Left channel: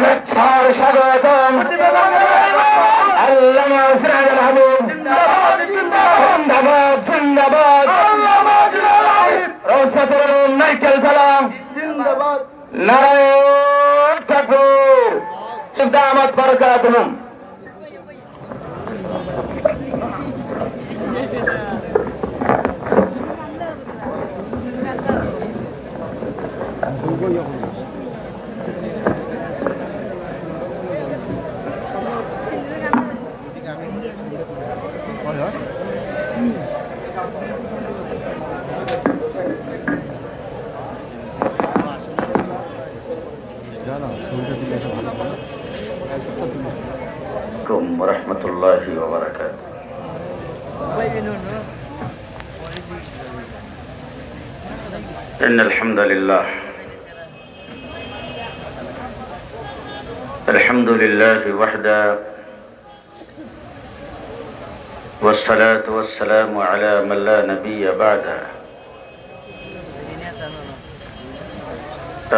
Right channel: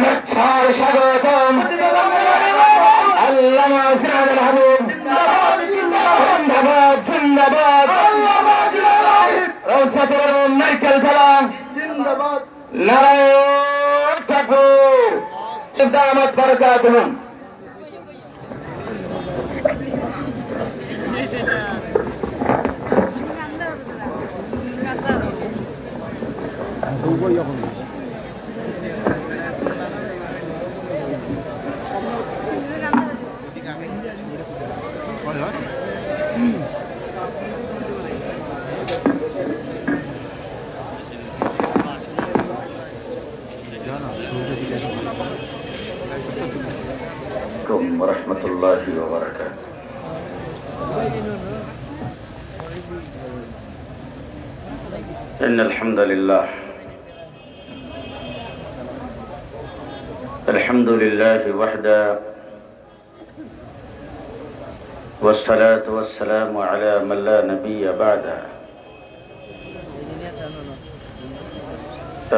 শুভেচ্ছার স্বাগতম আল্লামা সিরাজুল হাবিব জিন্দাবাদ জিন্দাবাদ রওসাতুল উলুম নারকেল তলা জিন্দাবাদ নারায়ে তাকবীর দামাত বারাকাতুহুম ورحمة الله وبركاته إن الحمد لله وحده والصلاة والسلام على من لا نبي بعده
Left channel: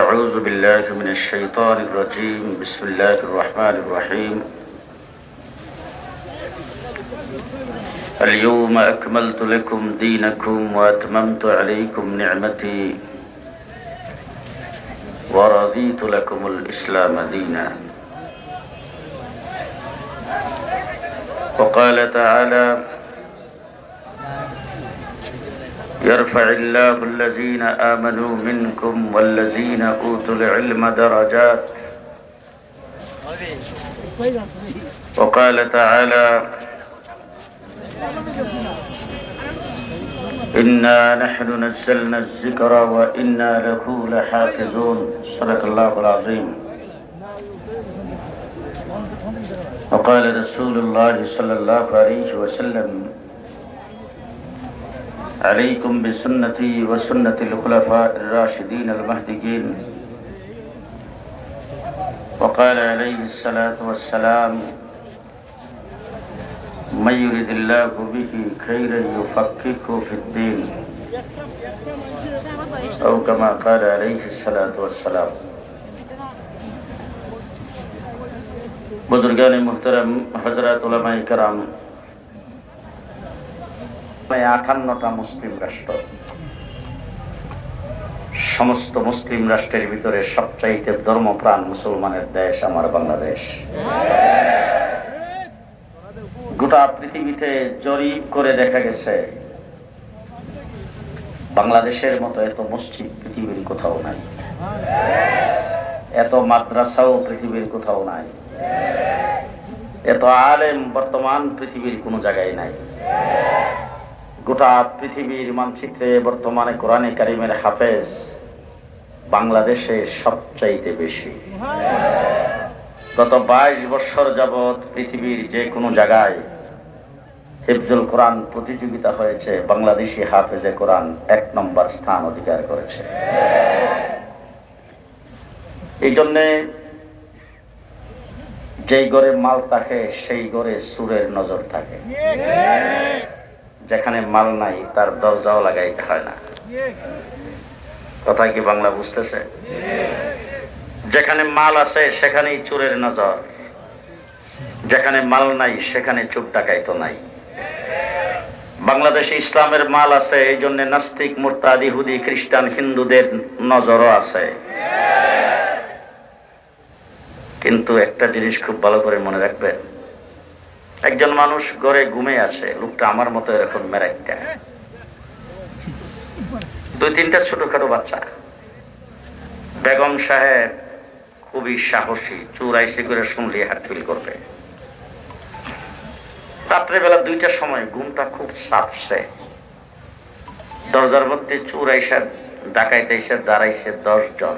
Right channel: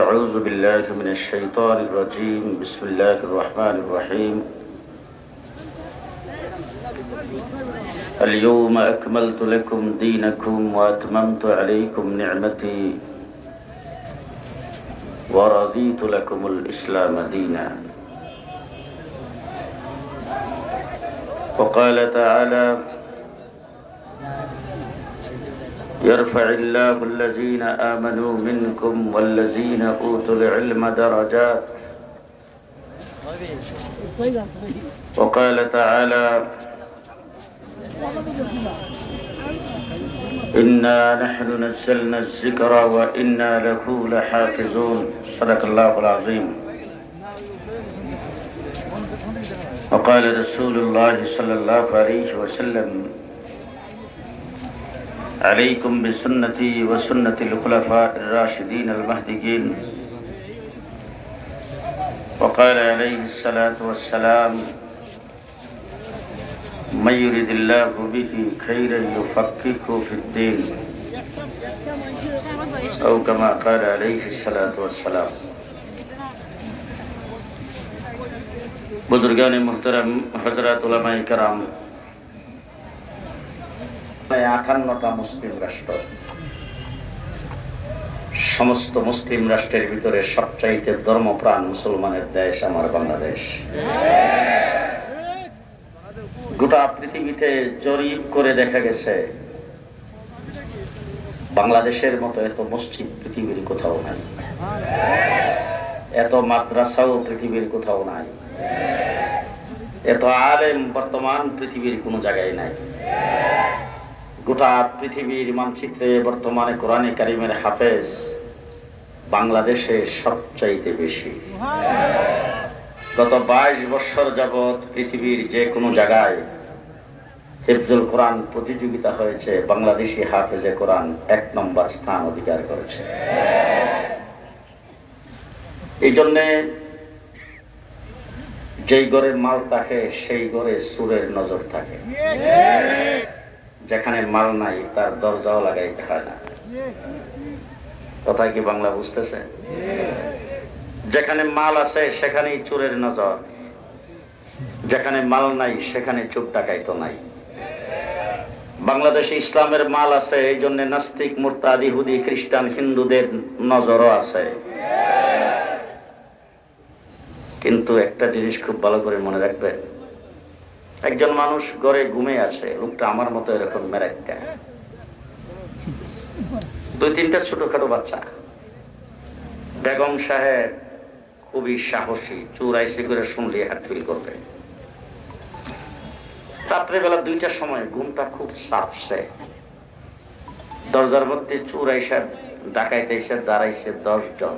أعوذ بالله من الشيطان الرجيم بسم الله الرحمن الرحيم اليوم أكملت لكم دينكم وأتممت عليكم نعمتي ورضيت لكم الإسلام دينا وقال تعالى يرفع الله الذين آمنوا منكم والذين أوتوا العلم درجات وقال تعالى إنا نحن نزلنا الذكر وإنا له لحافظون صدق الله العظيم وقال رسول الله صلى الله عليه وسلم عليكم بسنتي وسنة الخلفاء الراشدين المهديين وقال عليه الصلاة والسلام من يرد الله به خيرا يفقهه في الدين أو كما قال عليه الصلاة والسلام बुजुर्गान मुहतरम हजरत उलमाए केराम 58টা মুসলিম রাষ্ট্র সমস্ত মুসলিম রাষ্ট্রের ভিতরে সবচাইতে ধর্মপ্রাণ মুসলমানের দেশ আমার বাংলাদেশ গোটা পৃথিবীতে জরিপ করে দেখা গেছে বাংলাদেশের মতো এত মসজিদ পৃথিবীর কোথাও নাই এত মাদ্রাসাও পৃথিবীর কোথাও নাই এত আলেম বর্তমান পৃথিবীর কোনো জায়গায় নাই গোটা পৃথিবীর মানচিত্রে বর্তমানে কোরআনে কারিমের হাফেজ বাংলাদেশে সবচাইতে বেশি গত 22 বছর যাবত পৃথিবীর যে কোনো জায়গায় হিফজুল কোরআন প্রতিযোগিতা হয়েছে বাংলাদেশি হাফেজে কোরআন 1 নম্বর স্থান অধিকার করেছে এই জন্য যেই ঘরে মাল থাকে সেই ঘরে সুরের নজর থাকে যেখানে মাল নাই তার দরজাও লাগাইতে হয় না কথা কি বাংলা বুঝতেছে যেখানে মাল আছে সেখানেই চোরের নজর যেখানে মাল নাই সেখানে চোর ডাকাইতো নাই বাংলাদেশে ইসলামের মাল আছে এই জন্য নাস্তিক মুরতাদ ইহুদি খ্রিস্টান হিন্দুদের নজরও আছে কিন্তু একটা জিনিস খুব ভালো করে মনে রাখবেন একজন মানুষ ঘরে ঘুমিয়ে আছে লোকটা আমার মতো এরকম মেরাক্কা 2-3টা ছোটখাটো বাচ্চা বেগম সাহেব খুবই সাহসী চোর আইসি করে শুনলে হার্ট ফিল করবে রাত্রেবেলা 2টার সময় ঘুমটা খুব চাপছে দরজার মধ্যে চোর আইসা ডাকাইতে এসে দাঁড়াইছে 10 জন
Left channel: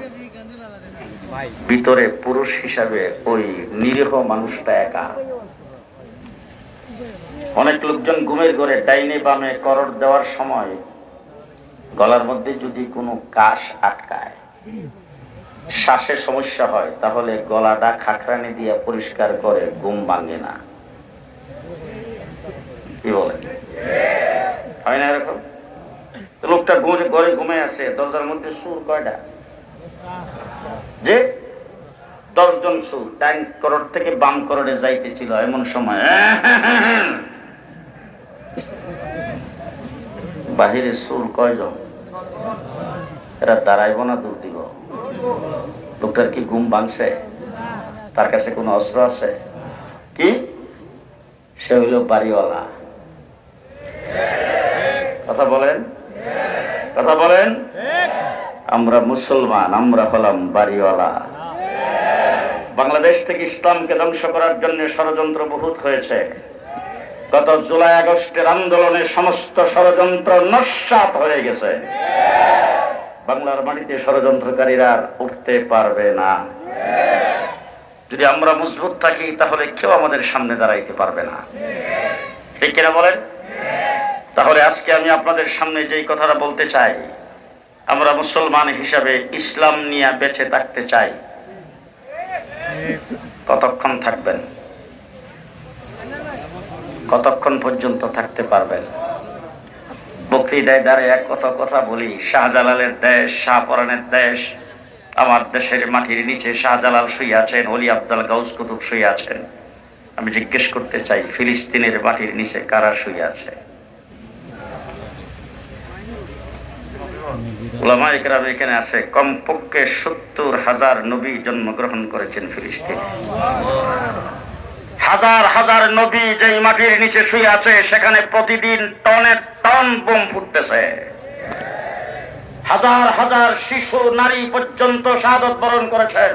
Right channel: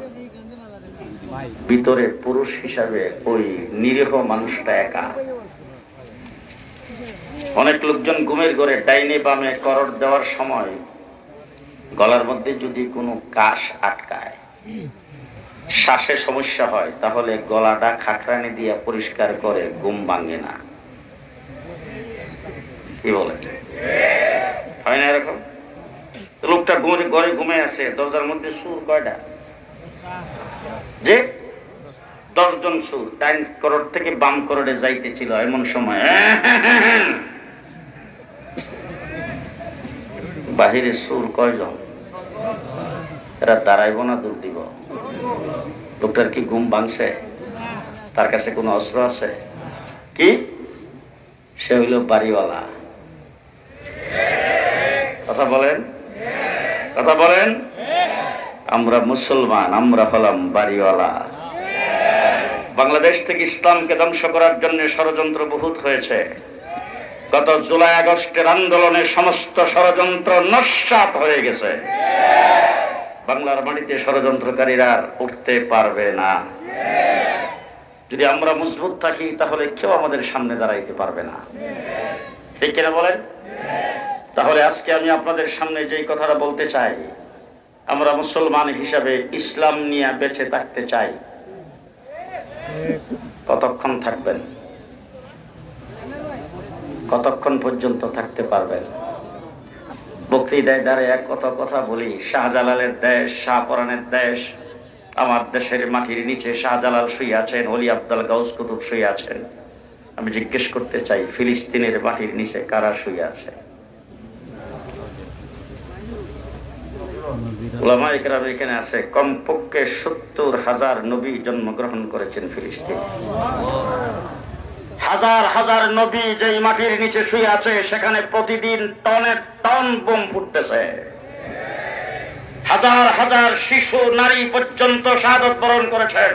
ভিতরে পুরুষ হিসাবে ওই নিরীহ মানুষটা একা অনেক লোকজন ঘুমের ঘরে ডাইনে বামে করর দেওয়ার সময় গলার মধ্যে যদি কোনো কাশ আটকায় শ্বাসের সমস্যা হয় তাহলে গলাটা খাকরানি দিয়ে পরিষ্কার করে ঘুম ভাঙে না কি বলে হয় না এরকম লোকটা ঘরে ঘুমে আছে দরজার মধ্যে সুর কয়টা যে 10 জন সুর ডাইন করোড় থেকে বাম করোড়ে যাইতেছিল, এমন সময় বাহিরে সুর কয়জন? এরা দাঁড়াইব না দূর দিব? লোকটার কি ঘুম ভাঙছে? তার কাছে কোনো অস্ত্র আছে কি? সে হইল বাড়িওয়ালা। কথা বলেন, কথা বলেন। আমরা মুসলমান, আমরা হলাম বাড়িওয়ালা। বাংলাদেশ থেকে ইসলামকে ধ্বংস করার জন্য ষড়যন্ত্র বহুত হয়েছে। গত জুলাই আগস্টের আন্দোলনে সমস্ত ষড়যন্ত্র নস্যাৎ হয়ে গেছে। বাংলার মাটিতে ষড়যন্ত্রকারীরা আর উঠতে পারবে না। যদি আমরা মজবুত থাকি তাহলে কেউ আমাদের সামনে দাঁড়াইতে পারবে না, ঠিক কিনা বলেন? তাহলে আজকে আমি আপনাদের সামনে যেই কথাটা বলতে চাই, আমরা মুসলমান হিসাবে ইসলাম নিয়ে বেঁচে থাকতে চাই। কতক্ষণ থাকবেন? কতক্ষণ পর্যন্ত থাকতে পারবেন? বক্তৃতায় দাঁড়িয়ে কত কথা বলি, শাহজালালের দেশ, শাহপরানের দেশ। আমার দেশের মাটির নিচে শাহজালাল শুয়ে আছেন, ওলি আব্দুল গাউস কুতুব শুয়ে আছেন। আমি জিজ্ঞেস করতে চাই, ফিলিস্তিনের মাটির নিচে কারা শুয়ে আছে? উলামায়ে কেরাম এখানে আছে। কমপক্ষে 70,000 নবী জন্মগ্রহণ করেছেন ফিলিস্তিনে। হাজার হাজার নবী যেই মাটির নিচে শুয়ে আছে, সেখানে প্রতিদিন টনের টন বোম ফুটতেছে। হাজার হাজার শিশু নারী পর্যন্ত শাহাদাত বরণ করেছেন।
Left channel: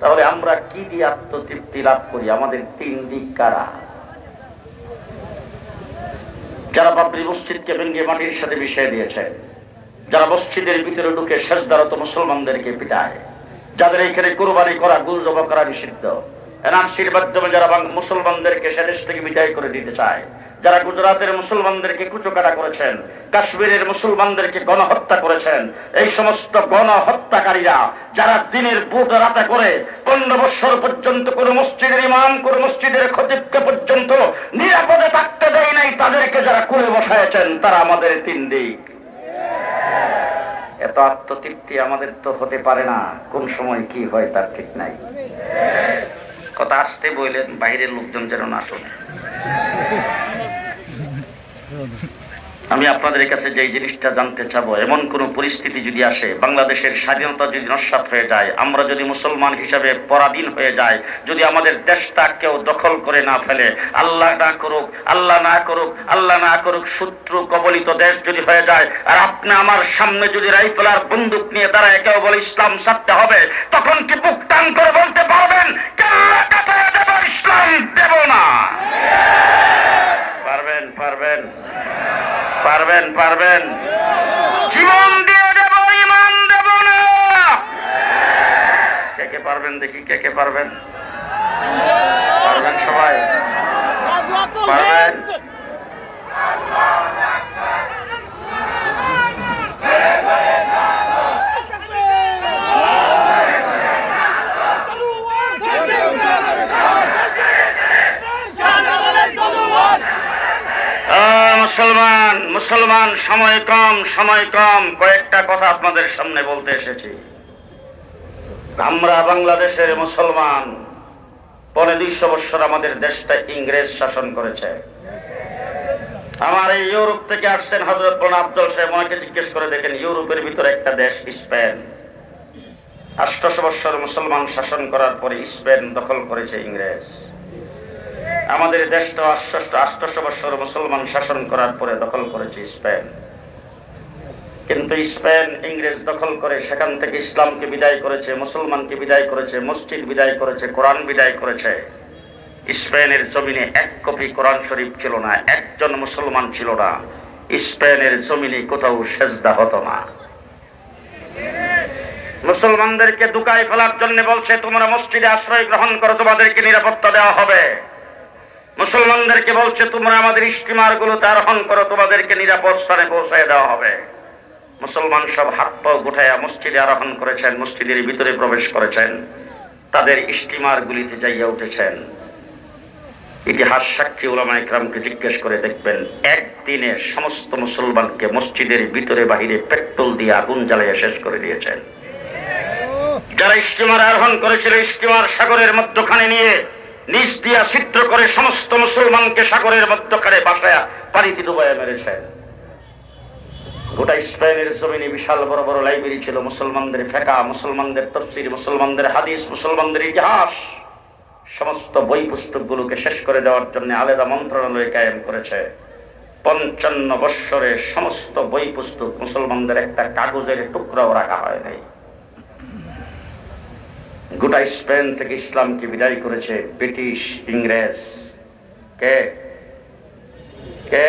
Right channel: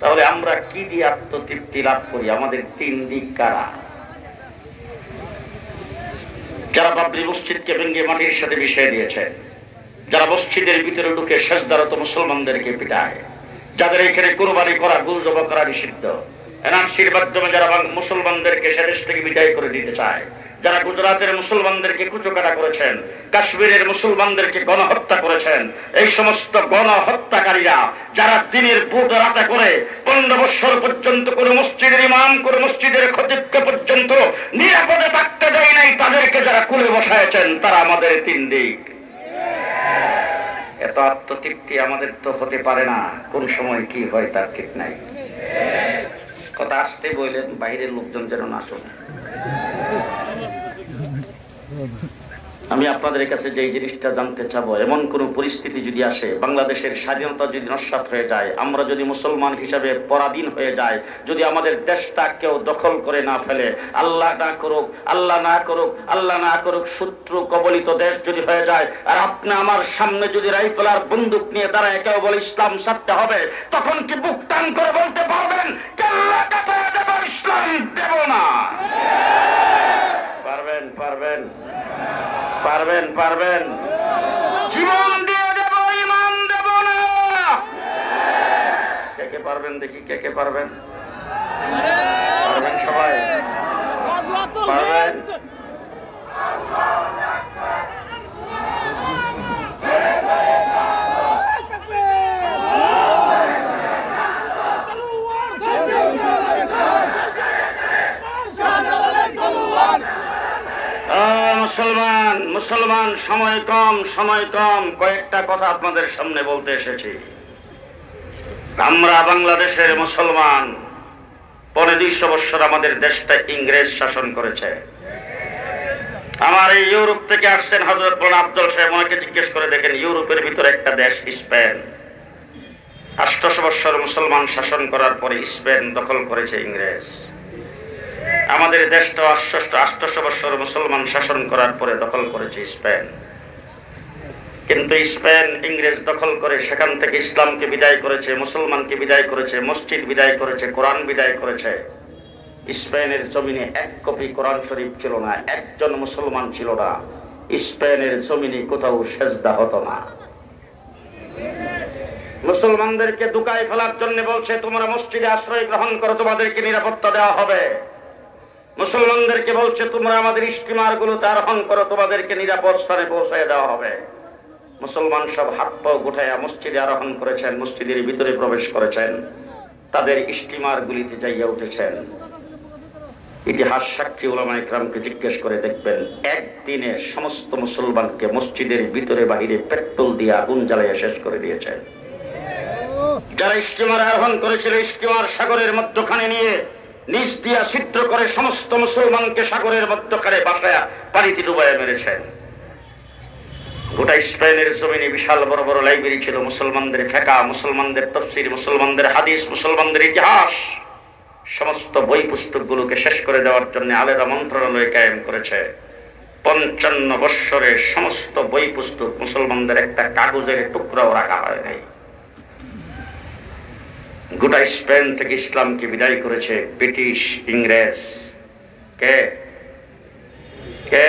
তাহলে আমরা কি দিয়ে আত্মতৃপ্তি লাভ করি? আমাদের 3 দিক কারা? যারা বাবরি মসজিদকে ভেঙে মাটির সাথে মিশিয়ে দিয়েছে, যারা মসজিদের ভিতরে ঢুকে সেজদারত মুসলমানদেরকে পিটায়, যাদের এখানে কুরবানি করা, গরু জবাই করা নিষিদ্ধ, এনআরসির মাধ্যমে যারা মুসলমানদেরকে সেদেশ থেকে বিদায় করে দিতে চায়, যারা গুজরাটের মুসলমানদেরকে কুচকাটা করেছেন, কাশ্মীরের মুসলমানদেরকে গণহত্যা করেছেন, এই সমস্ত গণহত্যাকারীরা যারা দিনের বুট রাতে করে 15 বছর পর্যন্ত কোন মসজিদের ইমাম, কোন মসজিদের খতিবকে পর্যন্ত নিরাপদে থাকতে দেয় নাই, তাদেরকে যারা কুলে বসায়ছেন, তারা আমাদের 3 দিক। এত আত্মতৃপ্তি আমাদের তো হতে পারে না। কোন সময় কি হয় তার ঠিক নাই। কথা আসতে বললেন, বাইরের লোকজন যেন না শোনে। আমি আপনাদের কাছে যে জিনিসটা জানতে চাবো, এমন কোন পরিস্থিতি যদি আসে, বাংলাদেশের স্বাধীনতা যদি নস্যাৎ হয়ে যায়, আমরা যদি মুসলমান হিসাবে পরাধীন হয়ে যায়, যদি আমাদের দেশটা কেউ দখল করে না ফেলে, আল্লাহ না করুক, আল্লাহ না করুক, আল্লাহ না করুক, শত্রু কবলিত দেশ যদি হয়ে যায়, আর আপনি আমার সামনে যদি রাইফেল আর বন্দুক নিয়ে দাঁড়ায় কেউ বলে ইসলাম ছাড়তে হবে, তখন কি বুক টান করে বলতে পারবেন কেল্লা কাটায় দেব, ইসলাম দেব না? পারবেন? পারবেন? পারবেন? পারবেন? জীবন দিয়ে দেব, ইমান দেব না। কে কে পারবেন দেখি? কে কে পারবেন? পারবেন সবাই? পারবেন? মুসলমান, মুসলমান, সময় কম, সময় কম। কয়েকটা কথা আপনাদের সামনে বলতে এসেছি। আমরা বাংলাদেশের মুসলমান, 250 বছর আমাদের দেশটা ইংরেজ শাসন করেছে। আমার এই ইউরোপ থেকে আসছেন হযরত মওলানা আফজল সাহেব, আমাকে জিজ্ঞেস করে দেখেন, ইউরোপের ভিতরে একটা দেশ স্পেন, 800 বছর মুসলমান শাসন করার পরে স্পেন দখল করেছে ইংরেজ। আমাদের দেশটা 800 বছর মুসলমান শাসন করার পরে দখল করেছে স্পেন। কিন্তু স্পেন ইংরেজ দখল করে সেখান থেকে ইসলামকে বিদায় করেছে, মুসলমানকে বিদায় করেছে, মসজিদ বিদায় করেছে, কোরআন বিদায় করেছে। স্পেনের জমিনে 1 কপি কোরআন শরীফ ছিল না, একজন মুসলমান ছিল না। স্পেনের জমিনে কোথাও সেজদা হতো না। মুসলমানদেরকে দুকায় ফেলার জন্য বলছে, তোমরা মসজিদে আশ্রয় গ্রহণ করো, তোমাদেরকে নিরাপত্তা দেওয়া হবে। মুসলমানদেরকে বলছে, তোমরা আমাদের ইস্তিমার গুলোতে আরোহণ করো, তোমাদেরকে নিরাপদ স্থানে পৌঁছায় দেওয়া হবে। মুসলমান সব হাত পা গুটাইয়া মসজিদে আরোহণ করেছেন, মসজিদের ভিতরে প্রবেশ করেছেন, তাদের ইস্তিমার গুলিতে যাইয়া উঠেছেন। ইতিহাস সাক্ষী উলামায়ে কেরামকে জিজ্ঞেস করে দেখবেন, একদিনে সমস্ত মুসলমানকে মসজিদের ভিতরে বাহিরে পেট্রোল দিয়ে আগুন জ্বালাইয়া শেষ করে দিয়েছেন। যারা স্টিমার আরোহণ করেছিল, স্টিমার সাগরের মধ্যখানে নিয়ে নিচ দিয়া ছিদ্র করে সমস্ত মুসলমানকে সাগরের মধ্যখানে বাসায়া পানিতে ডুবাইয়া মেরেছেন। গোটা স্পেনের জমিনে বিশাল বড় বড় লাইব্রেরি ছিল, মুসলমানদের ফিকহ, মুসলমানদের তাফসীর, মুসলমানদের হাদিস, মুসলমানদের ইতিহাস, সমস্ত বই পুস্তকগুলোকে শেষ করে দেওয়ার জন্য আলাদা মন্ত্রণালয় কায়েম করেছে। 55 বৎসরে সমস্ত বই পুস্তক, মুসলমানদের একটা কাগজের টুকরাও রাখা হয় নাই। গোটা স্পেন থেকে ইসলামকে বিদায় করেছে ব্রিটিশ, ইংরেজ। কে কে?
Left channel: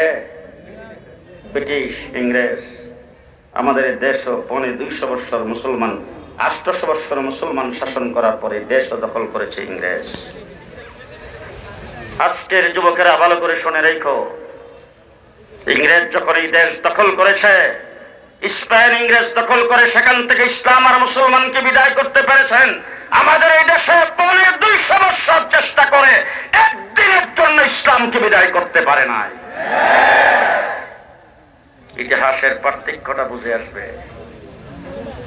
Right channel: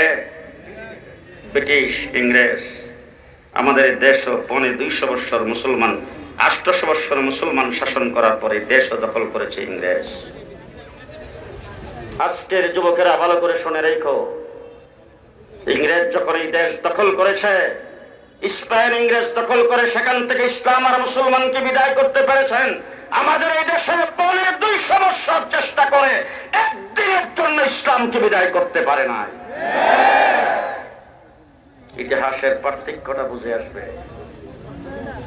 ব্রিটিশ, ইংরেজ। আমাদের দেশও 200 বৎসর মুসলমান, 800 বৎসর মুসলমান শাসন করার পরে দেশও দখল করেছে ইংরেজ। আজকের যুবকেরা ভালো করে শুনে রেখো, ইংরেজ যখন এই দেশ দখল করেছে, স্পেন ইংরেজ দখল করে সেখান থেকে ইসলাম আর মুসলমানকে বিদায় করতে পেরেছেন। আমাদের এই দেশে 200 বৎসর চেষ্টা করে একদিনের জন্য ইসলামকে বিদায় করতে পারে নাই। ইতিহাসের পার্থক্যটা বুঝে আসবে।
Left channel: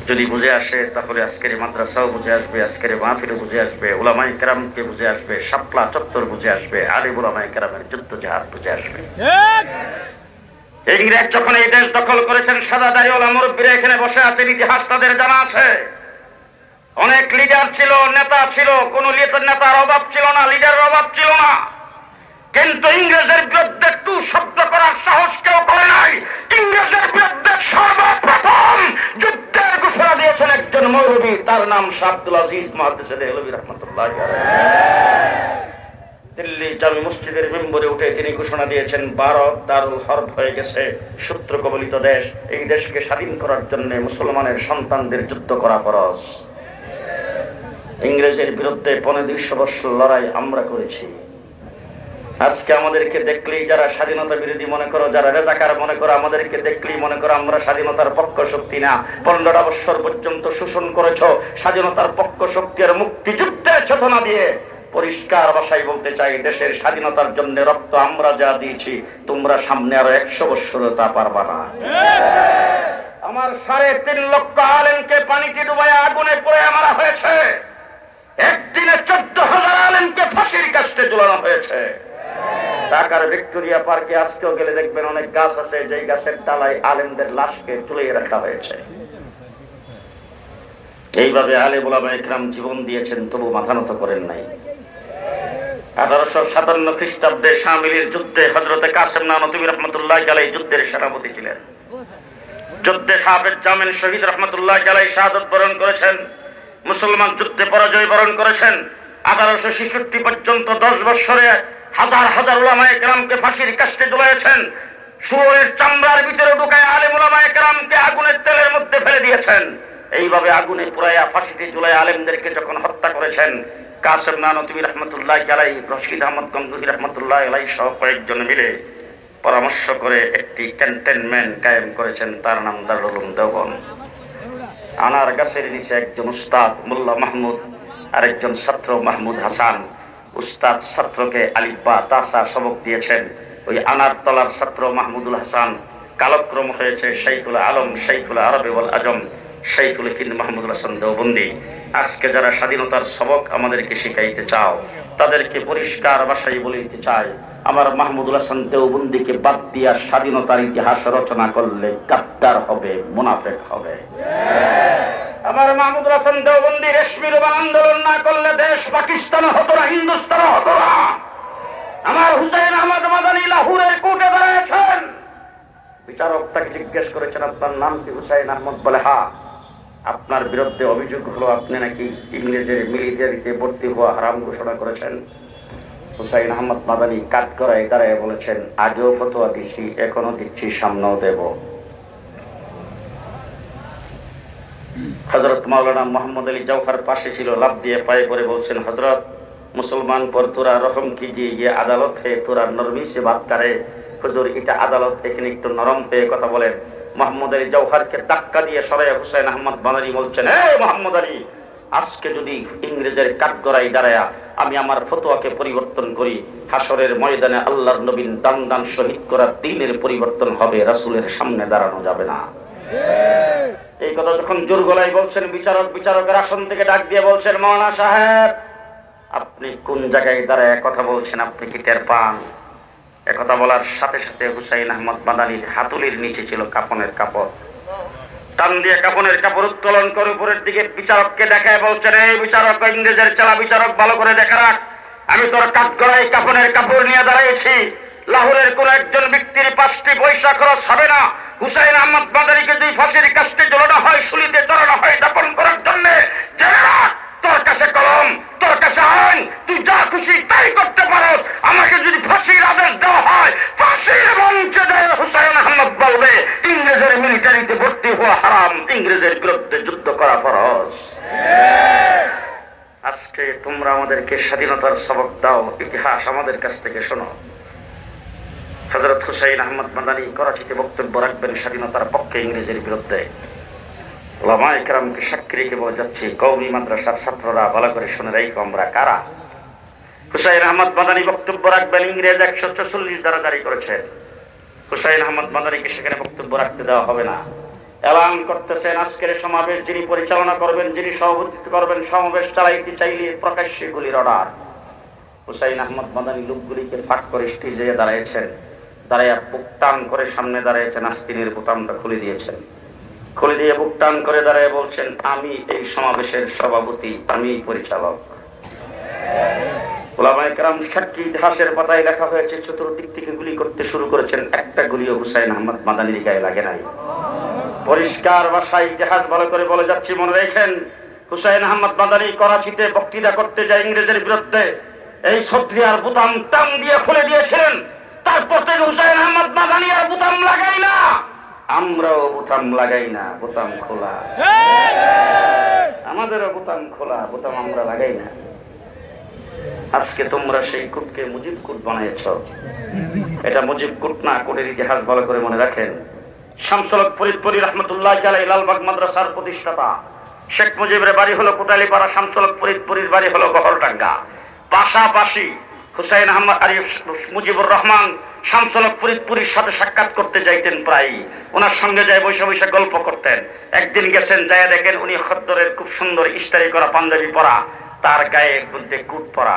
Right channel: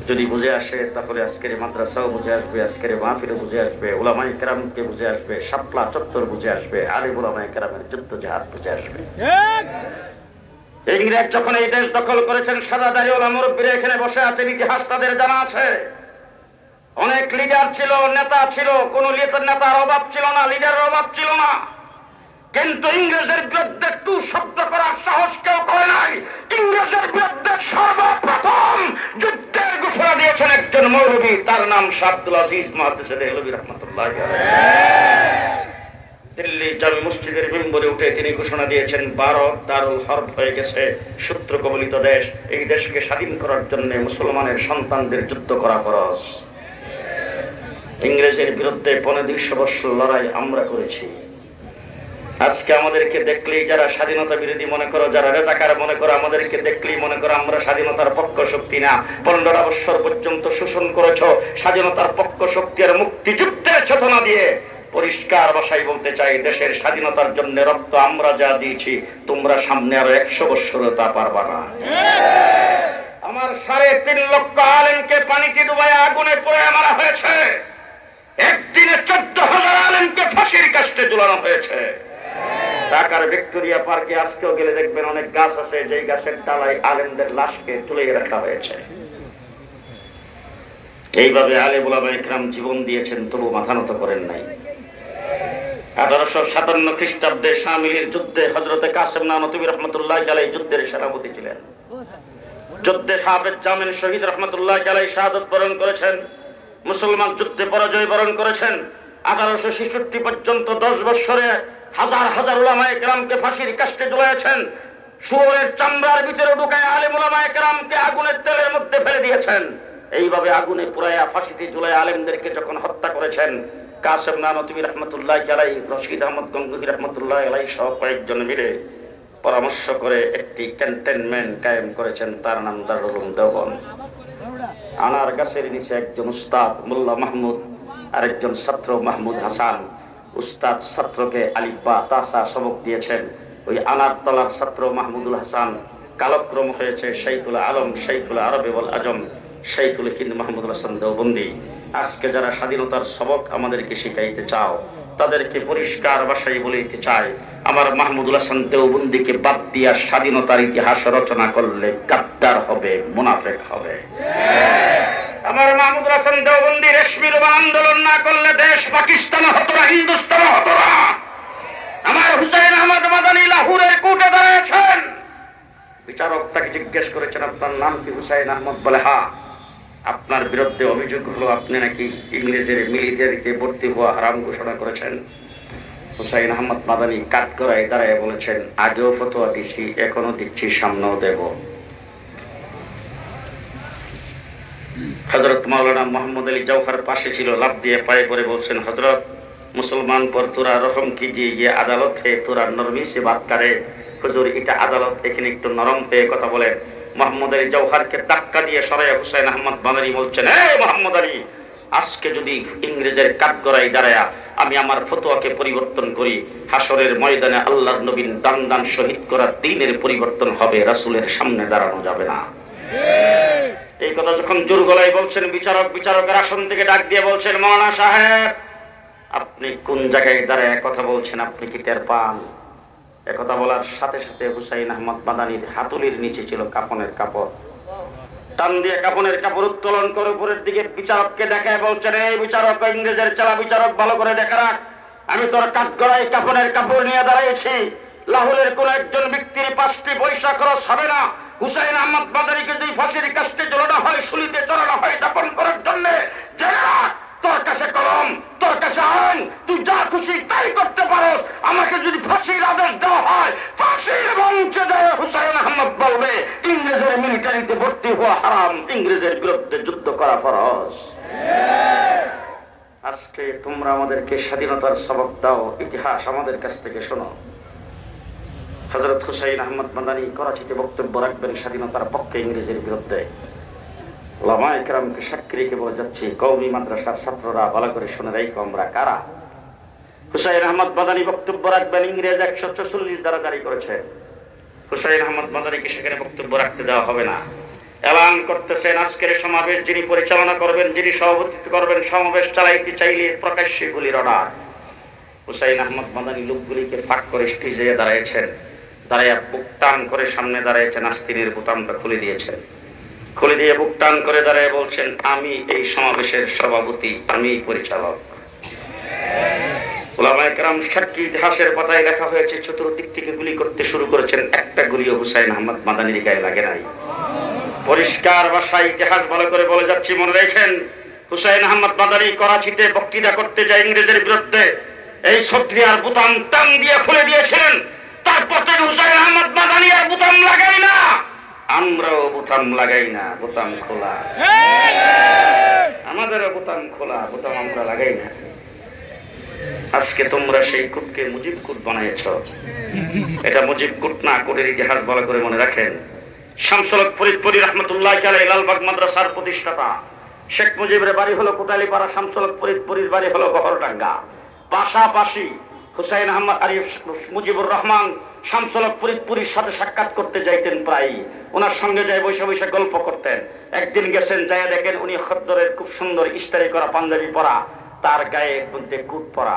যদি বুঝে আসে তাহলে আজকের মাদ্রাসাও বুঝে আসবে, আজকের মাহফিলও বুঝে আসবে, উলামায়ে কেরামকে বুঝে আসবে, শাপলা চত্বর বুঝে আসবে, আলিম উলামায়ে কেরামের যুদ্ধ জিহাদ বুঝে আসবে। ইংরেজ যখন এই দেশ দখল করেছেন, সাদা দাড়িওয়ালা মুরব্বীরা এখানে বসে আছেন, ইতিহাস তাদের জানা আছে। অনেক লিডার ছিল, নেতা ছিল, কোন নেতার অভাব ছিল না, লিডারের অভাব ছিল না। কিন্তু ইংরেজের বিরুদ্ধে টু শব্দ করার সাহস কেউ করে নাই। ইংরেজের বিরুদ্ধে সর্বপ্রথম যুদ্ধের ঘোষণা দিয়েছেন একজন মৌলবী, তার নাম শাহ আব্দুল আজিজ মুহাদ্দিস দেহলভী রাহমাতুল্লাহি আলাইহি। দিল্লি জামি মসজিদের মেম্বরে উঠে তিনি ঘোষণা দিয়েছেন, ভারত দারুল হরব হয়ে গেছে, শত্রু কবলিত দেশ, এই দেশকে স্বাধীন করার জন্য মুসলমানের সন্তানদের যুদ্ধ করা ফরজ। ইংরেজের বিরুদ্ধে 200 বৎসর লড়াই আমরা করেছি। আজকে আমাদেরকে দেখলেই যারা স্বাধীনতা বিরোধী মনে করো, যারা রেজাকার মনে করো, আমাদেরকে দেখলেই মনে করো আমরা স্বাধীনতার পক্ষ শক্তি না। 15 বৎসর পর্যন্ত শোষণ করেছ, স্বাধীনতার পক্ষ শক্তি আর মুক্তিযুদ্ধের চেতনা দিয়ে পরিষ্কার ভাষায় বলতে চাই, দেশের স্বাধীনতার জন্য রক্ত আমরা যা দিয়েছি, তোমরা সামনে আরো 100 বৎসর তা পারবা না। আমার 3.5 লক্ষ আলেমকে পানিতে ডুবাইয়া আগুনে পুড়িয়ে মারা হয়েছে। একদিনে 14,000 আলেমকে ফাঁসির কাস্টে ঝুলানো হয়েছে। ঢাকার ভিক্টোরিয়া পার্কে আজকেও গেলে দেখবেন অনেক গাছ আছে, যে গাছের ডালায় আলেমদের লাশকে ঝুলিয়ে রাখা হয়েছে। এইভাবে আলেম উলামায়ে কেরাম জীবন দিয়েছেন, তবু মাথা নত করেন নাই। 1857 খ্রিস্টাব্দে শামিলের যুদ্ধে হযরতে কাসেম নানতুবী রাহমাতুল্লাহি আলাইহি যুদ্ধের সেনাপতি ছিলেন। যুদ্ধে সাহাবেদ জামিন শহীদ রাহমাতুল্লাহি আলাইহি শাহাদাত বরণ করেছেন, মুসলমান যুদ্ধে পরাজয় বরণ করেছেন। 1866 পর্যন্ত 10 বৎসরে হাজার হাজার উলামায়ে কেরামকে ফাঁসির কাস্টে ঝুলিয়েছেন। শুয়োরের চামড়ার ভিতরে ঢুকায় আলেম উলামায়ে কেরামকে আগুনের তেলের মধ্যে ফেলে দিয়েছেন। এইভাবে আগুনে পুড়াইয়া ফাঁসিতে ঝুলাইয়া আলেমদেরকে যখন হত্যা করেছেন, কাসেম নানতুবী রাহমাতুল্লাহি আলাইহি, রশিদ আহমদ গঙ্গুহি রাহমাতুল্লাহি আলাইহি সহ কয়েকজন মিলে পরামর্শ করে একটি ক্যান্টনমেন্ট কায়েম করেছেন, তার নাম দারুল উলুম দেওবন্দ। আনার গাছের নিচে একজন উস্তাদ মোল্লা মাহমুদ আর একজন ছাত্র মাহমুদ হাসান। উস্তাদ ছাত্রকে আলিফ বা তাসা সবক দিয়েছেন। ওই আনার তলার ছাত্র মাহমুদুল হাসান কালক্রম হয়েছে শাইখুল আলম, শাইখুল আরব ওয়াল আজম, শাইখুল হিন্দ মাহমুদুল হাসান দেওবন্দি। আজকে যারা স্বাধীনতার সবক আমাদেরকে শিখাইতে চাও, তাদেরকে পরিষ্কার ভাষায় বলিতে চাই, আমার মাহমুদুল হাসান দেওবন্দিকে বাদ দিয়া স্বাধীনতার ইতিহাস রচনা করলে গাদ্দার হবে, মুনাফিক হবে। আমার মাহমুদুল হাসান দেওবন্দি রেশমি রুমাল আন্দোলন না করলে দেশ পাকিস্তান হতো না, হিন্দুস্তান হতো না। আমার হুসাইন আহমদ মাদানী লাহোরের কোর্টে দাঁড়িয়েছেন, বিচারক তাকে জিজ্ঞেস করেছেন, আপনার নাম কি? হুসাইন আহমদ বলে, হ্যাঁ। আপনার বিরুদ্ধে অভিযোগ হলো আপনি নাকি ইংরেজের মিলিটারিতে ভর্তি হওয়া হারাম ঘোষণা করেছেন। হুসাইন আহমদ মাদানী কাঠ করায় দাঁড়ায় বলেছেন, আগেও ফতোয়া দিচ্ছি, এখনো দিচ্ছি, সামনেও দেব। হযরত মাওলানা মোহাম্মদ আলী জওহর পাশে ছিল, লাফ দিয়ে পায়ে পড়ে বলছেন, হযরত মুসলমান পর তোরা রহম कीजिए, ये আদালত है, তোরা নরমি সে বাত করে। হুজুর, এটা আদালত, এখানে একটু নরম হয়ে কথা বলেন। মোহাম্মদ আলী জওহরকে ধাক্কা দিয়ে সরাইয়া হুসাইন আহমদ মাদানী বলছেন, হে মোহাম্মদ আলী, আজকে যদি ইংরেজের কাঠগড়ায় দাঁড়ায়া আমি আমার ফতোয়াকে পরিবর্তন করি, হাসরের ময়দানে আল্লাহর নবীর দান দান শহীদ করার দিনের পরিবর্তন হবে, রাসূলের সামনে দাঁড়ানো যাবে না। এই কথা যখন জোর গলায় বলছেন, বিচারকের আসন থেকে ডাক দিয়ে বলছেন, মাওলানা সাহেব আপনি কোন জায়গায় দাঁড়ায় কথা বলছেন, আপনি কি টের পান? একথা বলার সাথে সাথে হুসাইন আহমদ মাদানির হাতুলির নিচে ছিল কাফনের কাপড়। টান দিয়ে কাফনের কাপড় উত্তোলন করে উপরের দিকে বিচারককে দেখায় বলছেন, এই বিচারক, ইংরেজের চালা বিচারক, ভালো করে দেখা রাখ, আমি তোর কাঠগড়ায় কাফনের কাপড় নিয়ে দাঁড়িয়েছি। লাহোরের কোন একজন ব্যক্তির 5টি পয়সা খরচ হবে না হুসাইন আহমদ মাদানিকে যদি ফাঁসির কাস্টে ঝোলানো হয়, শুলিতে চড়ানো হয় দাপন করার জন্য। জেনে রাখ, তোর কাছে কলম, তোর কাছে আইন, তুই যা খুশি তাই করতে পারস। আমাকে যদি ফাঁসির আদেশ দেওয়া হয়, ফাঁসির মঞ্চে দেয় হুসাইন আহমদ বলবে ইংরেজের মিলিটারিতে ভর্তি হওয়া হারাম, ইংরেজের বিরুদ্ধে যুদ্ধ করা ফরজ। আজকে তোমরা আমাদেরকে স্বাধীনতার সবক দাও, ইতিহাস আমাদের কাছ থেকে শোনো। হযরত হুসাইন আহমদ মাদানি করাচিতে বক্তব্য রাখবেন স্বাধীনতার পক্ষে, ইংরেজের বিরুদ্ধে। ওলামায়ে কেরামকে সাক্ষী রেখে বলে যাচ্ছি, কওমি মাদ্রাসার ছাত্ররা ভালো করে শুনে রাখো আমরা কারা। হুসাইন আহমদ মাদানি বক্তব্য রাখবেন, ইংরেজ 144 ধারা জারি করেছেন। হুসাইন আহমদ মাদানিকে সেখানে বক্তব্য রাখতে দেওয়া হবে না। এলান করতেছেন, আজকের সমাবেশ যিনি পরিচালনা করবেন, যিনি সভাপতিত্ব করবেন, সমাবেশ চালাইতে চাইলে প্রকাশ্যে গুলির অর্ডার। হুসাইন আহমদ মাদানি লোকগুলিকে ফাঁক করে স্টেজে দাঁড়িয়েছেন, দাঁড়াইয়া বুক টান করে সামনে দাঁড়িয়েছেন, আস্তিনের বোতামটা খুলে দিয়েছেন, খুলে দিয়ে বুক টান করে দাঁড়িয়ে বলছেন, আমি এই সমাবেশের সভাপতি, আমি পরিচালক। ওলামায়ে কেরাম সাক্ষী, ইতিহাসের পাতায় লেখা হয়েছে চতুর্দিক থেকে গুলি করতে শুরু করেছেন, একটা গুলিও হুসাইন আহমদ মাদানির গায়ে লাগে নাই। পরিষ্কার ভাষায় ইতিহাস ভালো করে বলে যাচ্ছি, মনে রাখেন। হুসাইন আহমদ মাদানি করাচিতে বক্তৃতা করতে যায় ইংরেজের বিরুদ্ধে, এই সক্রিয়ার বোতাম টান দিয়ে খুলে দিয়েছেন। তারপর থেকে হুসাইন আহমদ মাদানি আর বোতাম লাগাই না, আমরাও বোতাম লাগাই না, বোতাম খোলা, আমাদেরও বোতাম খোলা, বোতাম আমরা লাগাই না। আজকে তোমরা সেই কুটকে মুজিব কুট বানিয়েছ, এটা মুজিব কুট না, কুটের ইতিহাস ভালো করে মনে রাখেন। শামসুল হক ফরিদপুরি রহমতুল্লাহ আলাইহি লালবাগ মাদ্রাসার প্রতিষ্ঠাতা। শেখ মুজিবের বাড়ি হলো কোটালীপাড়া, শামসুল হক ফরিদপুরির বাড়ি হলো গহরডাঙ্গা। পাশাপাশি হুসাইন আহমদ মুজিবুর রহমান শামসুল হক ফরিদপুরির সাথে সাক্ষাৎ করতে যাইতেন, প্রায় ওনার সঙ্গে যায় বসে বসে গল্প করতেন। একদিন গেছেন, যায় দেখেন উনি খদ্দরের খুব সুন্দর ইস্তারি করা পাঞ্জাবি পরা, তার গায়ে মধ্যে কুট পরা।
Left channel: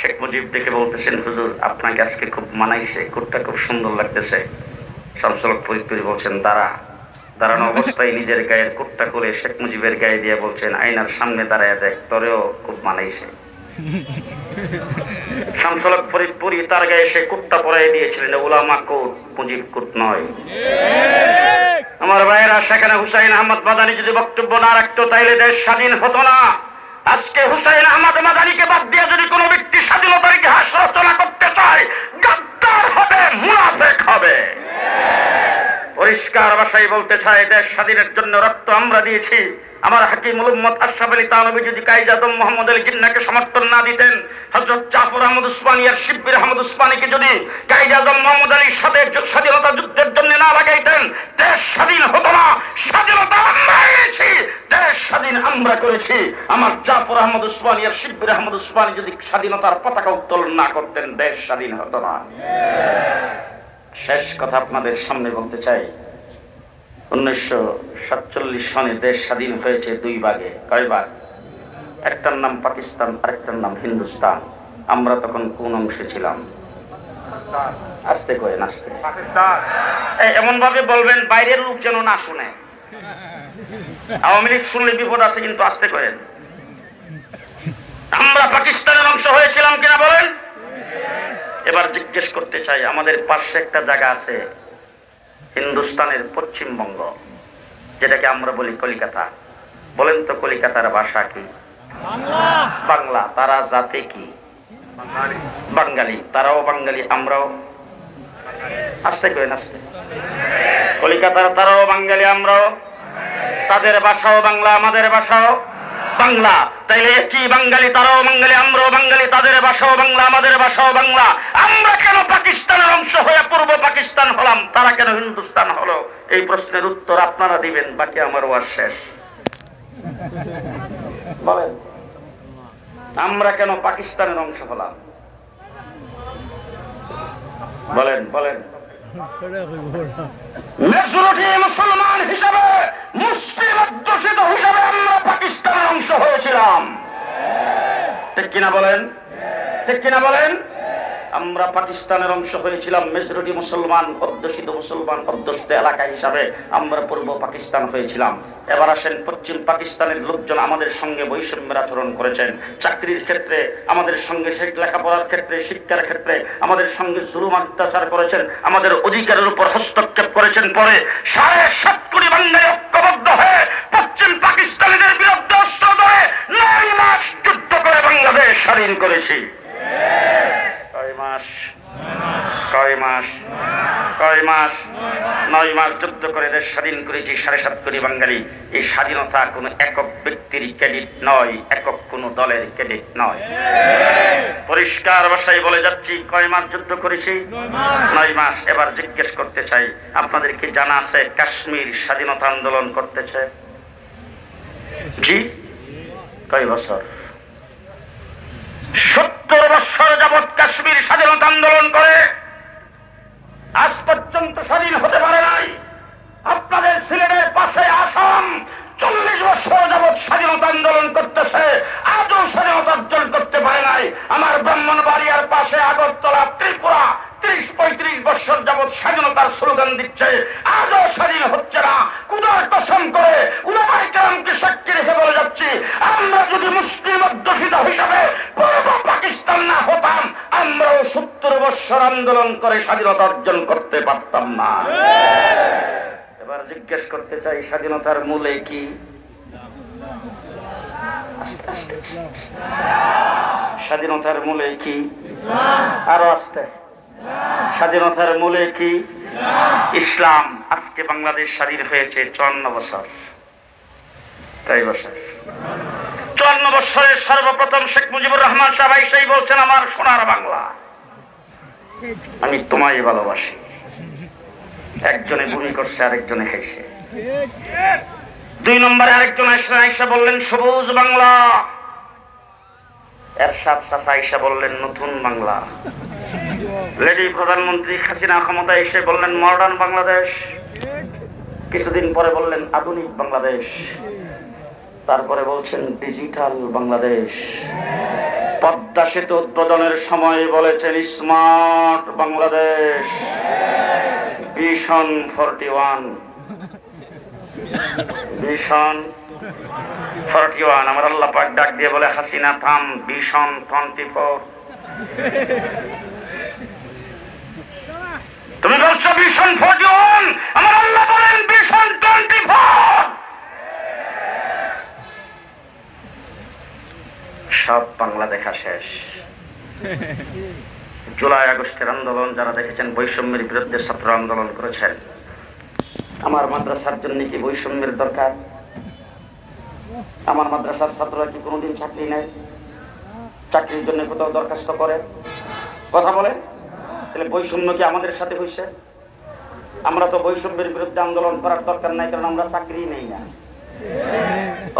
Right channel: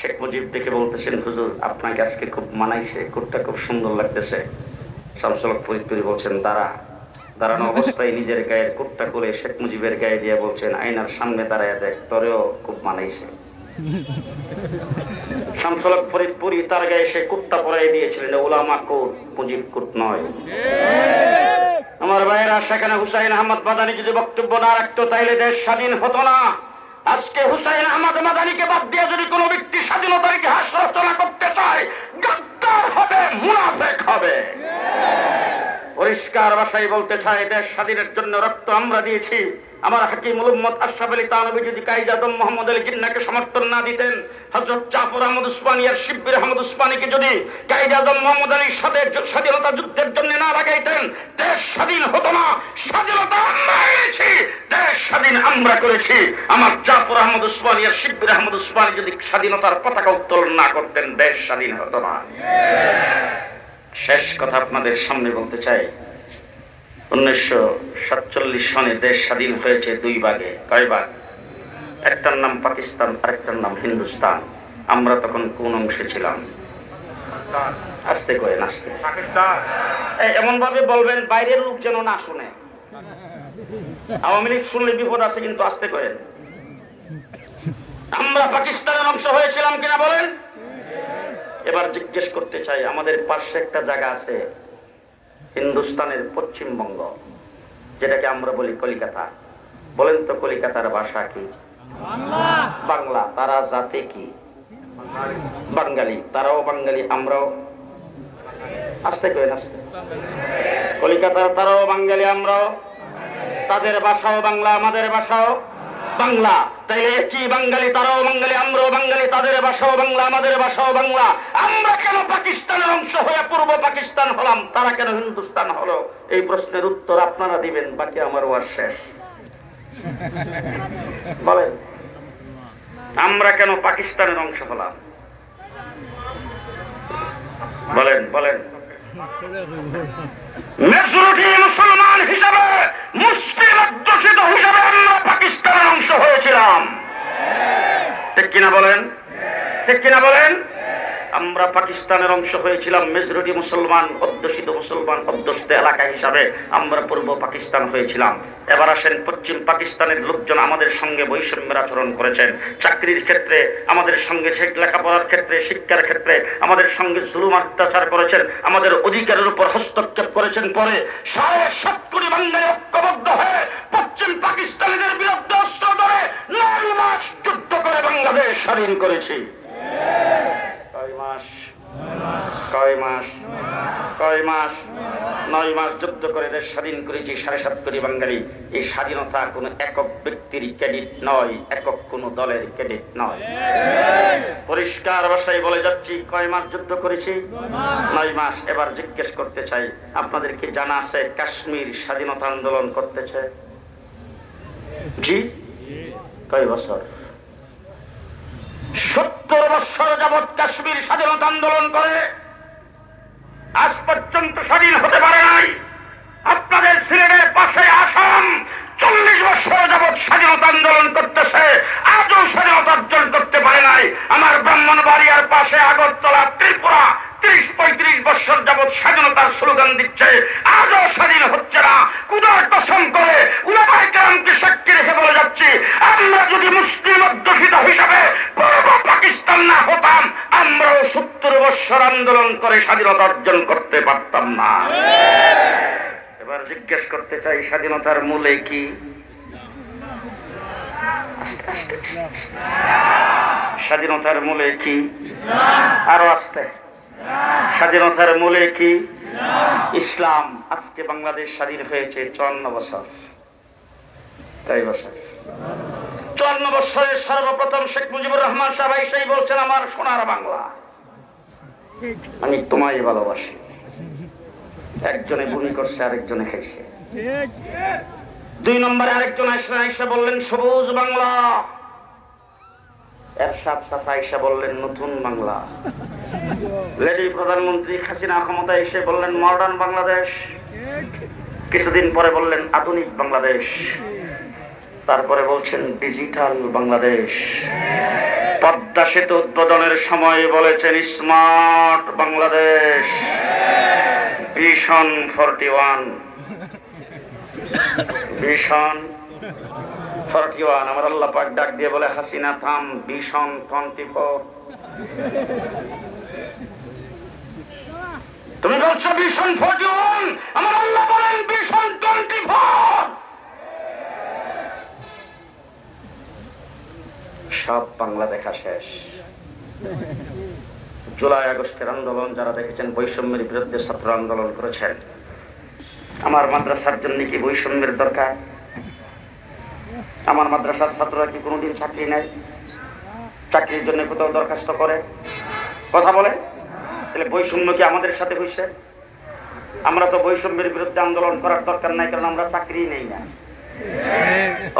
শেখ মুজিব দেখে বলতেছেন, হুজুর আপনাকে আজকে খুব মানাইছে, কুটটা খুব সুন্দর লাগতেছে। শামসুল হক ফরিদপুরি বলছেন, দাঁড়ানো অবস্থায় নিজের গায়ের কুটটা খুলে শেখ মুজিবের গায়ে দিয়ে বলছেন, আয়নার সামনে দাঁড়ায় দেখ, তোরেও খুব মানাইছে। শামসুল হক ফরিদপুরি তার গায়ে সে কুটটা পরাই দিয়েছিলেন, উলামা কোট, মুজিব কোট নয়। আমার ভাইয়েরা, সেখানে হুসাইন আহমদ মাদানি যদি বক্তব্য না রাখতো তাইলে দেশ স্বাধীন হতো না। আজকে হুসাইন আহমদ মাদানিকে বাদ দিয়ে যদি কোনো ব্যক্তি স্বাধীনতার ইতিহাস রচনা করতে চায়, গাদ্দার হবে, মুনাফিক হবে। পরিষ্কার ভাষায় বলতে চাই, দেশ স্বাধীনের জন্য রক্ত আমরা দিয়েছি। আমার হাকিমুল উম্মত আশরাফ আলী থানভী যদি কায়েদ আজম মোহাম্মদ আলী জিন্নাহকে সমর্থন না দিতেন, হযরত জাফর আহমদ উসমানী আর শিব্বির আহমদ উসমানীকে যদি কায়েদ আজম মোহাম্মদ আলীর সাথে স্বাধীনতা যুদ্ধের জন্য না লাগাইতেন, দেশ স্বাধীন হতো না। স্বাধীনতা আমরা এনেছি, দেশ স্বাধীন আমরা করেছি। আমার জাফর আহমদ উসমানী আর শিব্বির আহমদ উসমানী যদি স্বাধীনতার পতাকা উত্তোলন না করতেন, দেশ স্বাধীন হতো না। শেষ কথা আপনাদের সামনে বলতে চাই, 1947 সনে দেশ স্বাধীন হয়েছে 2 ভাগে। কয় ভাগ? একটার নাম পাকিস্তান, আরেকটার নাম হিন্দুস্তান। আমরা তখন কোন অংশে ছিলাম? আস্তে করে নাচতে, এমন ভাবে বলবেন বাইরের লোক যেন না শুনে। আওয়ামী লীগ শুনলে বিপদ আছে, কিন্তু আস্তে করেন। আমরা পাকিস্তানের অংশ হয়েছিলাম কিনা বলেন? এবার জিজ্ঞেস করতে চাই, আমাদের পাশে একটা জায়গা আছে হিন্দুস্তানের পশ্চিমবঙ্গ, যেটাকে আমরা বলি কলিকাতা। বলেন তো কলিকাতার ভাষা কি? বাংলা। তারা জাতে কি? বাঙালি। তারাও বাঙালি, আমরাও। আস্তে করেন, আস্তে। কলিকাতার তারাও বাঙালি, আমরাও। তাদের ভাষাও বাংলা, আমাদের ভাষাও বাংলা। তাইলে কি বাঙালি, তারাও বাঙালি, আমরাও বাঙালি, তাদের ভাষাও বাংলা, আমাদের ভাষাও বাংলা। আমরা কেন পাকিস্তানের অংশ হয়ে পূর্ব পাকিস্তান হলাম, তারা কেন হিন্দুস্তান হলো? এই প্রশ্নের উত্তর আপনারা দিবেন, বাকি আমার ওয়াজ শেষ। বলেন, আমরা কেন পাকিস্তানের অংশ হলাম? বলেন বলেন। মেজরিটি মুসলমান হিসাবে, মুসলিম অধ্যুষিত হিসাবে আমরা পাকিস্তানের অংশ হয়েছিলাম। ঠিক কিনা বলেন? ঠিক কিনা বলেন? আমরা পাকিস্তানের অংশ হয়েছিলাম, মেজরিটি মুসলমান অধ্যুষিত, মুসলমান অধ্যুষিত এলাকা হিসাবে আমরা পূর্ব পাকিস্তান হয়েছিলাম। এবার আসেন, পশ্চিম পাকিস্তানের লোকজন আমাদের সঙ্গে বৈষম্যের আচরণ করেছেন। চাকরির ক্ষেত্রে আমাদের সঙ্গে, লেখাপড়ার ক্ষেত্রে, শিক্ষার ক্ষেত্রে আমাদের সঙ্গে জুলুম অত্যাচার করেছেন, আমাদের অধিকারের উপর হস্তক্ষেপ করেছেন। পরে 7.5 কোটি বাঙালি ঐক্যবদ্ধ হয়ে পশ্চিম পাকিস্তানিদের বিরুদ্ধে অস্ত্র ধরে 9 মাস যুদ্ধ করে বাংলাদেশ স্বাধীন করেছি। কয় মাস? 9 মাস যুদ্ধ করে দেশ স্বাধীন করেছি 7.5 কোটি বাঙালি। এই স্বাধীনতা কোনো একক ব্যক্তির ক্রেডিট নয়, একক কোনো দলের ক্রেডিট নয়। পরিষ্কার ভাষায় বলে যাচ্ছি, কয় মাস যুদ্ধ করেছি? 9 মাস। এবার জিজ্ঞেস করতে চাই, আপনাদের কি জানা আছে কাশ্মীর স্বাধীনতা আন্দোলন করতেছে? জি। কয় বছর? 70 বছর যাবৎ কাশ্মীর স্বাধীনতা আন্দোলন করে আজ পর্যন্ত স্বাধীন হতে পারে নাই। আপনাদের সিলেটের পাশে আসাম 40 বছর যাবৎ স্বাধীনতা আন্দোলন করতেছে, আজও স্বাধীনতা অর্জন করতে পারে নাই। আমার ব্রাহ্মণবাড়িয়ার পাশে আগরতলা, ত্রিপুরা 30-35 বছর যাবৎ স্বাধীনতার স্লোগান দিচ্ছে, আজও স্বাধীন হচ্ছে না। কুদার কসম করে উলামায়ে কেরামকে সাক্ষী রেখে বলে যাচ্ছি, আমরা যদি মুসলিম অধ্যুষিত হিসাবে পূর্ব পাকিস্তান না হতাম, আমরাও 70 বছর আন্দোলন করে স্বাধীনতা অর্জন করতে পারতাম না। এবার জিজ্ঞেস করতে চাই, স্বাধীনতার মূলে কি? স্বাধীনতার মূলে কি? আরো আসতে। স্বাধীনতার মূলে কি? ইসলাম। আজকে বাংলাদেশ স্বাধীন হয়েছে 54 বছর। তাই বছর 54 বছরের সর্বপ্রথম শেখ মুজিবুর রহমান সাহেব এসেই বলছেন, আমার সোনার বাংলা, আমি তোমায় ভালোবাসি। একজনে বুড়ি করছে, আরেকজনে খাইছে। 2 নম্বরে আরেকজন আয়েশা বললেন সবুজ বাংলা। এরশাদ চাচা আয়েশা বললেন নতুন বাংলা। লেডি প্রধানমন্ত্রী হাসিনা ক্ষমতা এসে বললেন মডার্ন বাংলাদেশ। কিছুদিন পরে বললেন আধুনিক বাংলাদেশ। তারপরে বলছেন ডিজিটাল বাংলাদেশ। পদ্মা সেতু উদ্বোধনের সময় বলেছেন স্মার্ট বাংলাদেশ। ভিশন 41। আমার আল্লাহ পাক ডাক দিয়ে বলে, হাসিনা থাম, ভিশন 24। তুমি বলছো ভিশন 41, আমার আল্লাহ বলেন ভিশন 24। সব বাংলা দেখা শেষ। জুলাই আগস্টের আন্দোলন যারা দেখেছেন, বৈষম্যের বিরুদ্ধে ছাত্র আন্দোলন করেছেন। আমার মাদ্রাসার জন্য কি বৈষম্যের দরকার? আমার মাদ্রাসার ছাত্ররা কি কোনোদিন চাকরি নেয়? চাকরির জন্য কোথাও দরখাস্ত করে? কথা বলে? তাহলে বৈষম্য কি আমাদের সাথে হয়েছে? আমরা তো বৈষম্যের বিরুদ্ধে আন্দোলন করার দরকার নাই, কারণ আমরা চাকরি নেই না।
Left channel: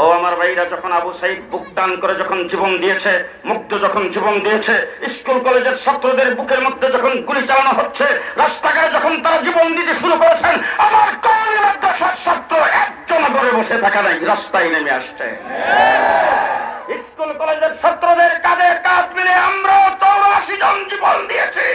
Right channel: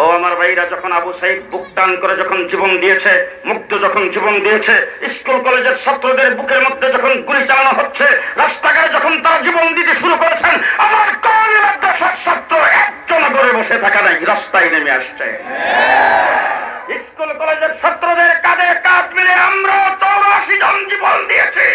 ও আমার ভাইরা, যখন আবু সাইদ বুকটান করে যখন জীবন দিয়েছে, মুক্ত যখন জীবন দিয়েছে, স্কুল কলেজের ছাত্রদের বুকের মধ্যে যখন গুলি চালানো হচ্ছে, রাস্তাঘাটে যখন তারা জীবন দিতে শুরু করেছেন, আমার কোন মাদ্রাসার ছাত্র একজন ঘরে বসে থাকা নাই, রাস্তায় নেমে আসছে। স্কুল কলেজের ছাত্রদের কাঁধে কাঁধ মিলে আমরা 84 জন জীবন দিয়েছি।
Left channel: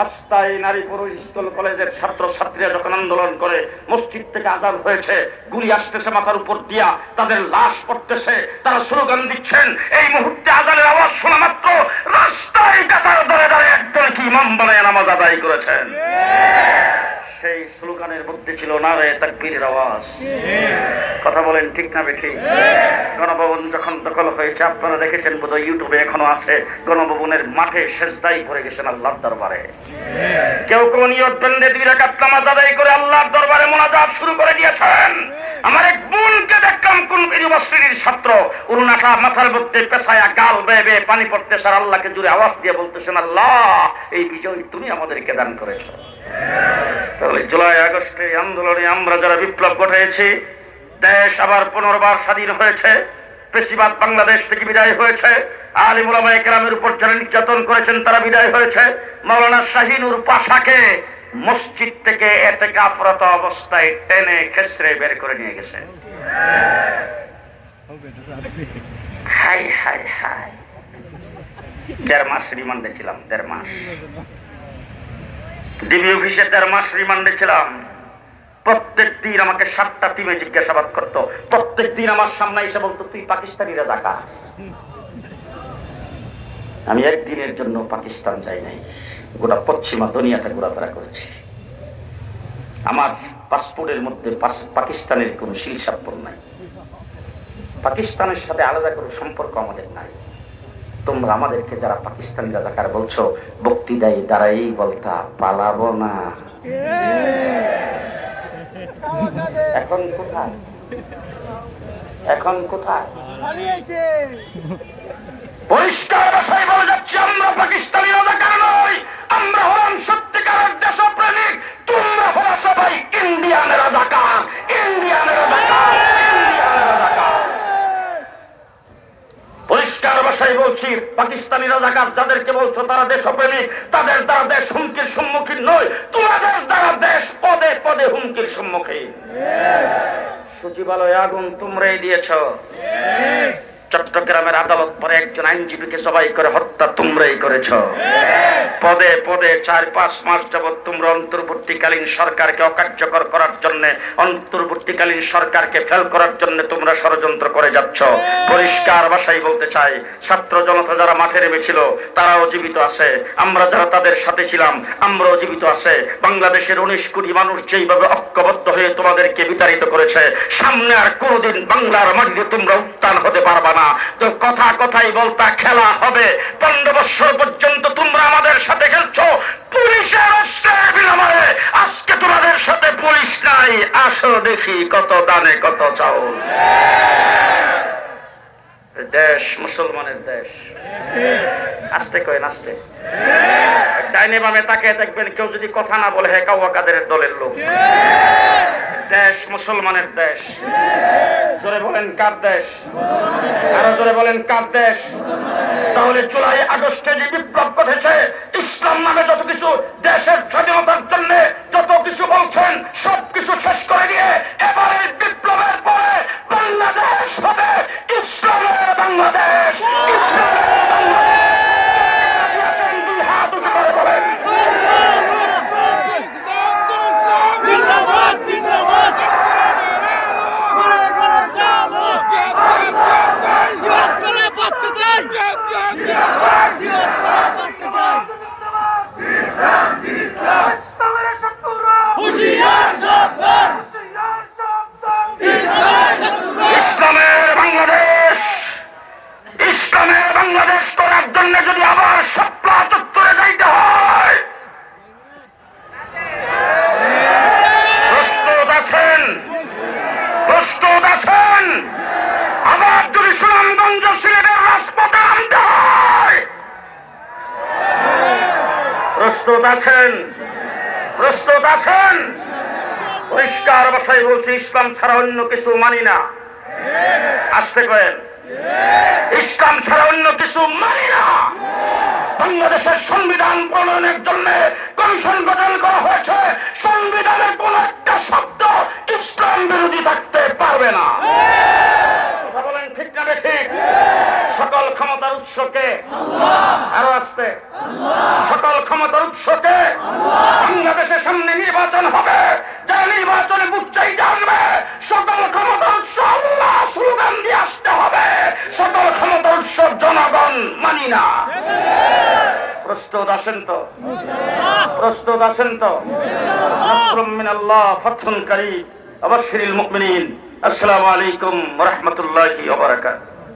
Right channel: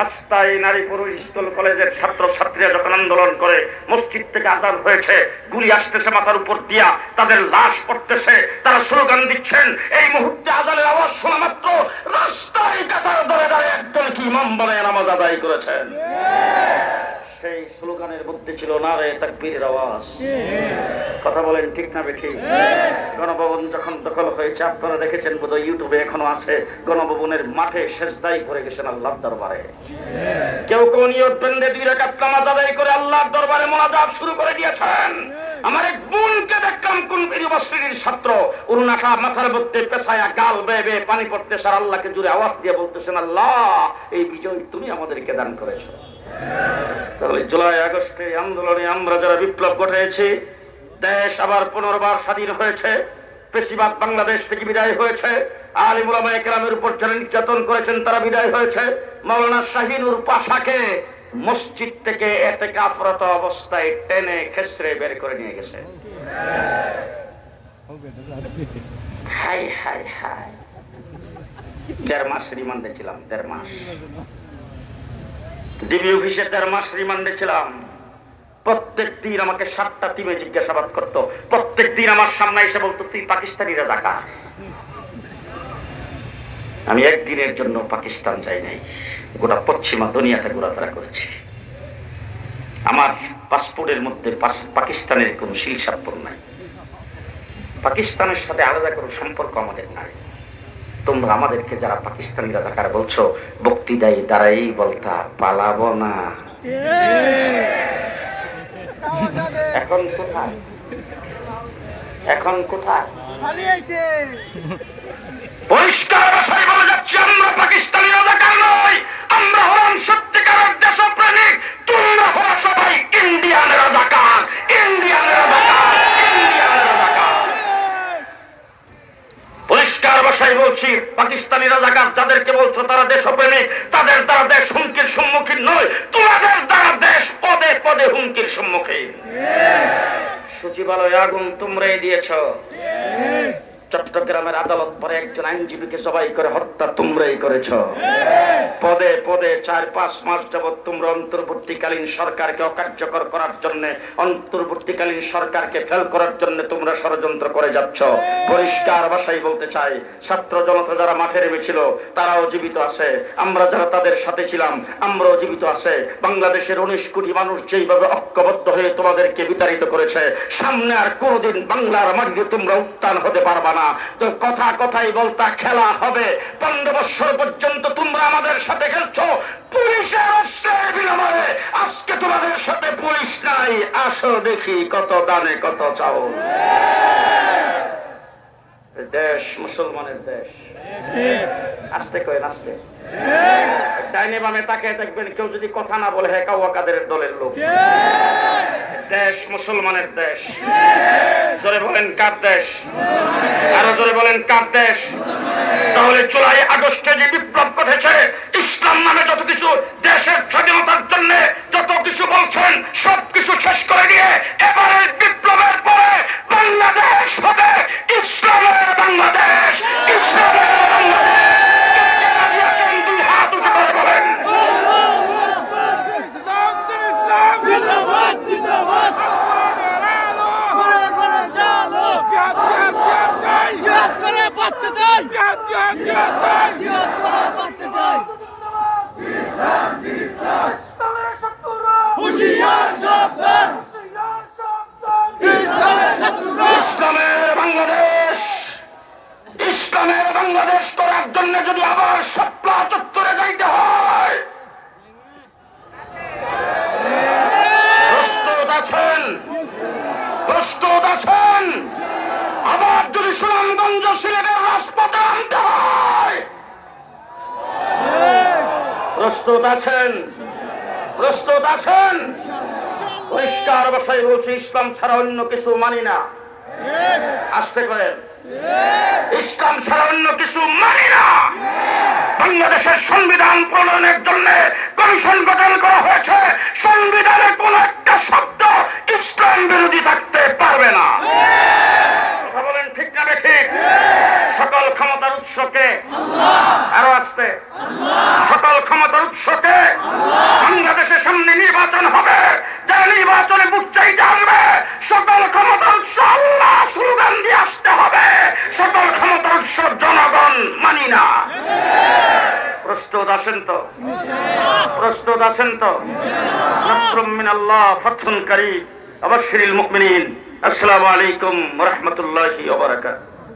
রাস্তায় নারী পুরুষ স্কুল কলেজের ছাত্র ছাত্রীরা যখন আন্দোলন করে, মসজিদ থেকে আযান হয়েছে, গুলি আসতেছে মাথার উপর দিয়া, তাদের লাশ পড়তেছে, তারা স্লোগান দিচ্ছেন। এই মুহূর্তে আযানের আওয়াজ শোনা মাত্র রাস্তায় কাতার ধরে ধরে একজন কি ইমাম বানায় নামাজ আদায় করেছেন। সেই স্লোগানের মধ্যে ছিল নারে তাকবীরের আওয়াজ। কথা বলেন ঠিক না বেঠিক? গণভবন যখন দখল হয়েছে, আপনারা দেখেছেন বোধহয়, ইউটিউবে এখনো আছে, গণভবনের মাঠে সেজদাই করে গেছেন আল্লাহর দরবারে। কেউ কেউ নিয়ত বেঁধে 2 রাকাত নামাজ আদায় করে আল্লাহর দরবারে মোনাজাত শুরু করে দিয়েছেন। আমার এক বোনকে দেখলাম, কোন ইউনিভার্সিটির ছাত্র, উন্নাটা মাথার মধ্যে পেছায়া, গাল বেয়ে বেয়ে পানি পড়তে, সার আল্লাহকে জুড়ে আওয়াজ দিয়ে বলতেছেন, আল্লাহ এই বিজয় তুমি আমাদেরকে দান করেছ। তাহলে জুলাই আগস্টে আন্দোলনে আমরা যারা বিপ্লব ঘটিয়েছি, দেশ আবার পুনর্বার স্বাধীন হয়েছে। ফেসিবাদ বাংলাদেশ থেকে বিদায় হয়েছে। আলিম উলামায়ে কেরামের উপর যারা নির্যাতন করেছেন তারা বিদায় হয়েছে। মাওলানা শাহিনুর পাশাকে মসজিদ থেকে এতেকাফরত অবস্থায় টেনে খেসরে বের করে নিয়ে গেছে। হাই হাই হাই, 1.5 মাস রিমান্ডে ছিলাম, 1.5 মাস ডিবি অফিসে 1.5 মাস রিমান্ডে ছিলাম। প্রত্যেক দিন আমাকে 7টা টিমে জিজ্ঞাসাবাদ করতো। প্রত্যেক দিন আমার সামনে এসে বলতো, তুই পাকিস্তানি রাজাকার। আমি একদিনের জন্য পাকিস্তান যাই নাই, গোটা পশ্চিমা দুনিয়াতে ঘোরাফেরা করেছি। আমার পাসপোর্টের মধ্যে পাকিস্তানের কোন শিলসাপ্পর নাই, পাকিস্তানের সাথে আলাদা কোনো সম্পর্ক আমাদের নাই। তোমরা আমাদেরকে যারা পাকিস্তানি রাজাকার বলছো, বক্তৃতায় দাঁড়াই বলতা পালাবো না। এখন কোথায়, এখন কোথায়? পরিষ্কার ভাষায় বলে যাচ্ছে, আমরা পাকিস্তানি রাজাকার নই, আমরা হলাম সত্যিকারের দেশপ্রেমিক। তোমরা হলো সবাই ইন্ডিয়ান রাজাকার, ইন্ডিয়ান রাজাকার, ইন্ডিয়ান রাজাকার। পরিষ্কার ভাষায় বলছি, পাকিস্তানি রাজাকার যাদেরকে বলছো তারা দেশপ্রেমিক, তাদের দ্বারা দেশ হুমকির সম্মুখীন নয়, তোমাদের দ্বারা দেশ পদে পদে হুমকির সম্মুখীন। সচিবালয়ে আগুন তোমরাই দিয়েছ, চট্টগ্রামের আদালত পরে একজন আইনজীবীকে জবাই করে হত্যা তোমরাই করেছ। পদে পদে 4-5 মাস যাবৎ তোমরা অন্তর্বর্তীকালীন সরকারকে অকার্যকর করার জন্য, অন্তর্বর্তীকালীন সরকারকে ফেল করার জন্য তোমরা ষড়যন্ত্র করে যাচ্ছ। পরিষ্কার ভাষায় বলতে চাই, ছাত্র জনতা যারা মাঠে নেমেছিল তারাও জীবিত আছে, আমরা যারা তাদের সাথে ছিলাম আমরাও জীবিত আছে। বাংলাদেশের 19 কোটি মানুষ যেইভাবে ঐক্যবদ্ধ হয়ে তোমাদেরকে বিতাড়িত করেছে, সামনে আর কোনোদিন বাংলার মাটিতে তোমরা উত্থান হতে পারবা না। তো কথা কথাই বলতা খেলা হবে। 15 বছর পর্যন্ত তোমরা আমাদের সাথে খেলছো পুলিশের অস্ত্রের বিনিময়ে, আজকে তোমাদের সাথে পুলিশ নাই। আসো দেখি কত দানে কত চাউল। দেশ মুসলমানের দেশ। আস্তে কয়ে নাচতে ডাইনে বামে তাকে দেখবেন, কেউ যদি কথা না বলে হেকা ওয়াকাদের দলের লোক। দেশ মুসলমানের দেশ। জোরে বলেন কার দেশ? আরো জোরে বলেন কার দেশ? তাহলে জুলাই আগস্টে যে বিপ্লব ঘটেছে, ইসলাম নামে যত কিছু দেশের স্বাধীনতার জন্য যত কিছু বলছেন সবকিছু শেষ করে দিয়ে এবারের বিপ্লবের পরে বাংলাদেশ হবে ইসলামের বাংলাদেশ, ইসলামের বাংলাদেশ। দুই হাত উঁচু করে বলেন ইসলামের বাংলাদেশ। ইসলামের বাংলাদেশ করার জন্য যদি আবার শাপলা চত্বরে যাইতে হয়, প্রস্তুত আছেন? প্রস্তুত আছেন? আবার যদি সুনামগঞ্জ সিলেটের রাজপথে আনতে হয়, প্রস্তুত আছেন? প্রস্তুত আছেন? পরিষ্কার ভাষায় বলছি, ইসলাম ছাড়া অন্য কিছু মানি না। আসতে করেন, ইসলাম ছাড়া অন্য কিছু মানি না। বাংলাদেশের সংবিধান প্রণয়নের জন্য কমিশন গঠন করা হয়েছে। সংবিধানে কোন একটা শব্দ ইসলাম বিরোধী থাকতে পারবে না। কথা বলেন ঠিক না ঠিক? সকল ক্ষমতার উৎসকে, আরো আসতে, সকল ক্ষমতার উৎসকে। বাংলাদেশের সামনে নির্বাচন হবে, যে নির্বাচনে বুঝ চাইতে আমরা সকল ক্ষমতার উৎস আল্লাহ স্লোগান দিয়ে আসতে হবে। সকল ক্ষমতার উৎস জনগণ মানি না। প্রস্তুত আছেন তো? প্রস্তুত আছেন তো? নাসরুম মিনাল্লাহ ফাতহুন কারীম। আবাশশিরিল মুমিনিন। আসসালামু আলাইকুম ওয়া রাহমাতুল্লাহি ওয়া বারাকাতুহু।